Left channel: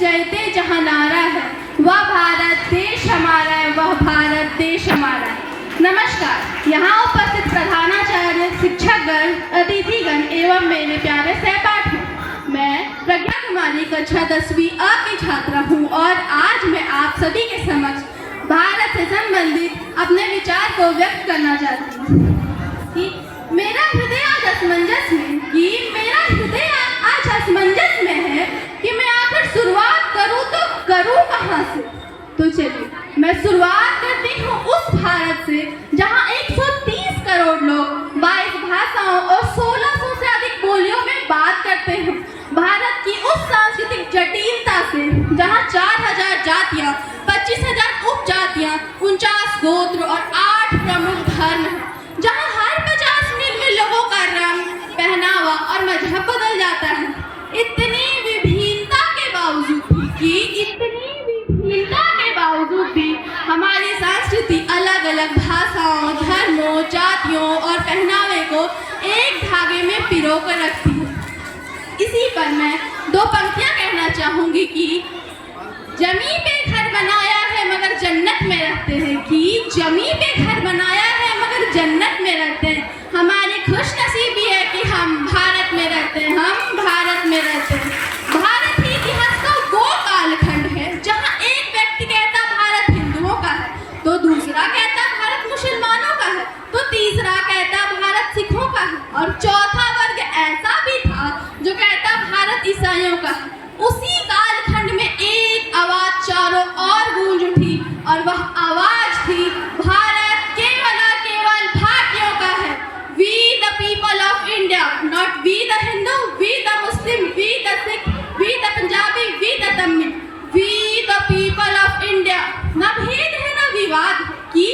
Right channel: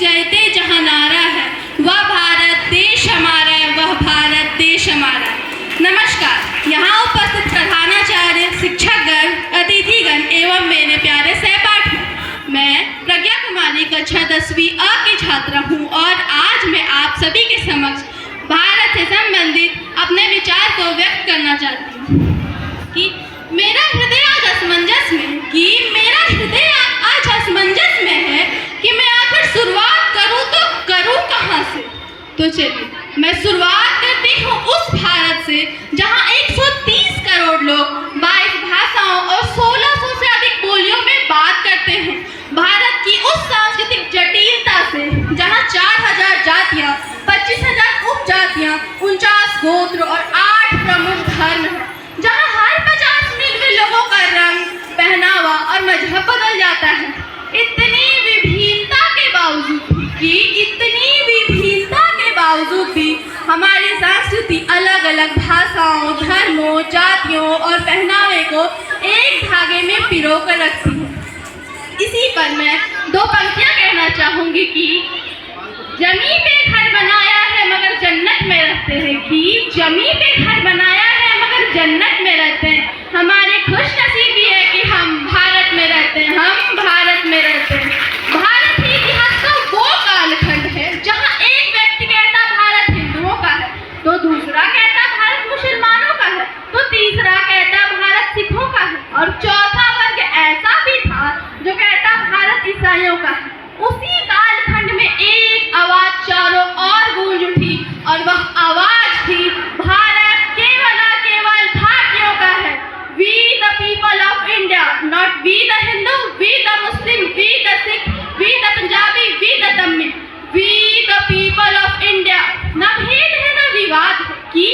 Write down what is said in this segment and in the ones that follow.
जयते जहाँ नारा है वह भारत देश हमारा है, वह भारत देश हमारा है। नमस्कार। यहाँ उपस्थित प्रधानाचार्य, शिक्षकगण, अतिथिगण एवं मेरे प्यारे सहपाठी, मैं प्रज्ञा कुमारी कक्षा 10वीं अ की छात्रा हूँ और आज मैं आप सभी के समक्ष भारत से संबंधित अपने विचार को व्यक्त करना चाहती हूँ कि मेरा हृदय आज असमंजस में है कि मैं आखिर शुरुआत करूँ तो करूँ कहाँ से। तो चलिए मैं शुरुआत करती हूँ उस भारत से जहाँ 130 करोड़ लोग 22 भाषाओं और 1600 से अधिक बोलियों में बात करते हैं। भारत की उस सांस्कृतिक जटिलता से जहाँ 4000 जातियाँ, 25,000 उपजातियाँ, 49 गोत्र और 8 प्रमुख धर्म हैं, जहाँ हर 50 मिनट में लोगों का रंग, पहनावा और मजहब बदल जाता है। इतनी विभिन्नता के बावजूद भी हमारी संस्कृति अलग अलग भाषाओं, धर्मों, जातियों और पहनावे को एक धागे में पिरो कर रखती है। इसी पर मैं दो पंक्तियां कहना चाहूंगी कि जमी पे घर बनाया है मगर जन्नत में रहते हैं, कि जमी पे घर बनाया है मगर जन्नत में रहते हैं। हमारी खुशनसीबी है कि हम भारत में रहते हैं, हम भारत में रहते हैं। भारत ही इतिहास का वो कालखंड है जहाँ एक व्यक्ति कहता भारत हिंदुओं का है, तो दूसरा कहता भारत मुसलमानों का है, तो तीसरा कहता भारत सिखों का है, और चौथा वर्ग ऐसा भी था जो कहता भारत ईसाइयों का है। उसी कालखंड में एक आवाज चारों ओर गूंज उठी और वह आवाज थी भारत केवल और केवल भारतीयों का है। We the people of India, not we the Hindu, we the Muslim, we the Sikh, we the Punjabi, we the Tamil, we the people of India। ना भेद है ना विवाद है, कि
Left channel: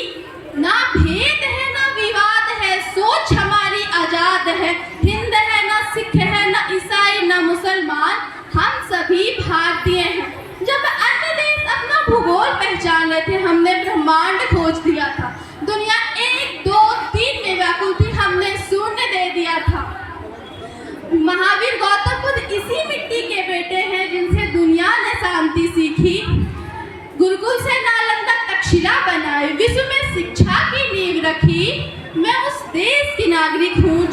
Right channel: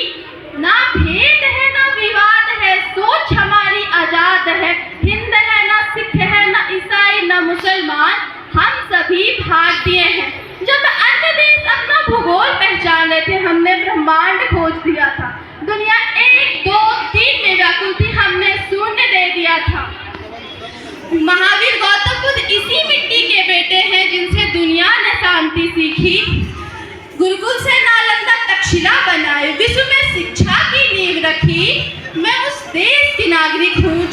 ना भेद है ना विवाद है, सोच हमारी आजाद है। हिंद है ना सिख है ना ईसाई ना मुसलमान, हम सभी भारतीय हैं। जब अन्य देश अपना भूगोल पहचान रहे थे, हमने ब्रह्मांड खोज दिया था। दुनिया 1, 2, 3 में व्याकुल थी, हमने शून्य दे दिया था। महावीर गौतम बुद्ध इसी मिट्टी के बेटे हैं जिनसे दुनिया ने शांति सीखी। गुरुकुल से नालंदा तक्षशिला बनाए, विश्व में शिक्षा की नींव रखी। मैं उस देश की नागरिक हूँ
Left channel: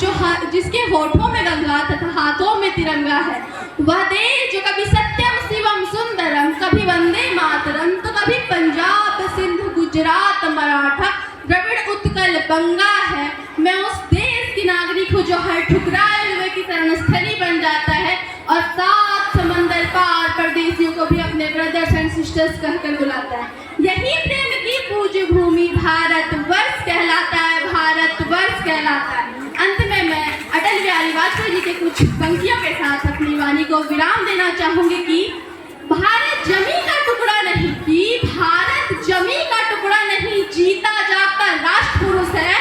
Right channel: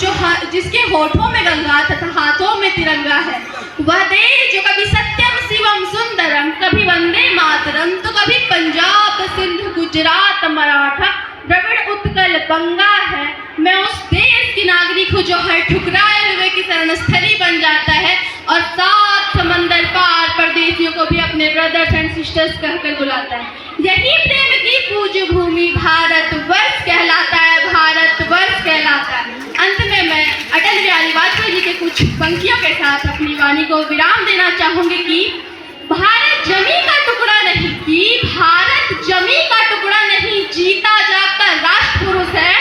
जिसके होठों में गंगा तथा हाथों में तिरंगा है। वह देश जो कभी सत्यम शिवम सुंदरम, कभी वंदे मातरम, तो कभी पंजाब, सिंध, गुजरात, मराठा, द्रविड़, उत्कल, बंगा है। मैं उस देश की नागरिक हूँ जो हर ठुकराए हुए की शरणस्थली बन जाता है और 7 समंदर पार परदेशियों को भी अपने ब्रदर्स एंड सिस्टर्स कहकर बुलाता है। यही प्रेम की पूज्य भूमि भारतवर्ष कहलाता है, भारतवर्ष कहलाता है। अंत में मैं अटल बिहारी वाजपेयी जी के कुछ पंक्तियों के साथ अपनी वाणी को विराम देना चाहूंगी कि भारत जमी का टुकड़ा नहीं, कि भारत जमी का टुकड़ा नहीं, जीता जागता राष्ट्र पुरुष है।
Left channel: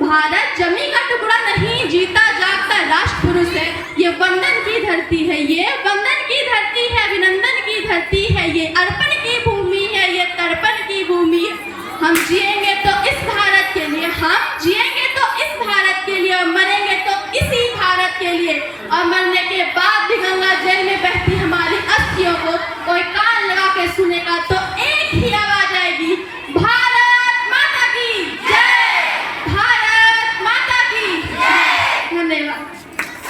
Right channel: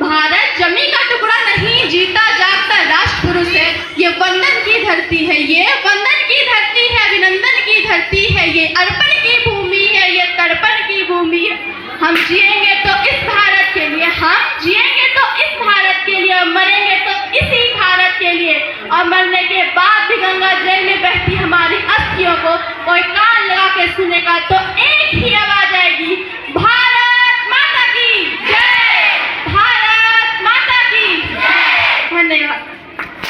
भारत जमी का टुकड़ा नहीं, जीता जागता राष्ट्र पुरुष है। ये वंदन की धरती है, ये वंदन की धरती है, अभिनंदन की धरती है, ये अर्पण की भूमि है, ये तर्पण की भूमि है। हम जिएंगे तो इस भारत के लिए, हम जिएंगे तो इस भारत के लिए, और मरेंगे तो इसी भारत के लिए। और मरने के बाद भी गंगा जल में बहती हमारी अस्थियों को कोई कान लगा के सुनेगा तो एक ही आवाज आएगी,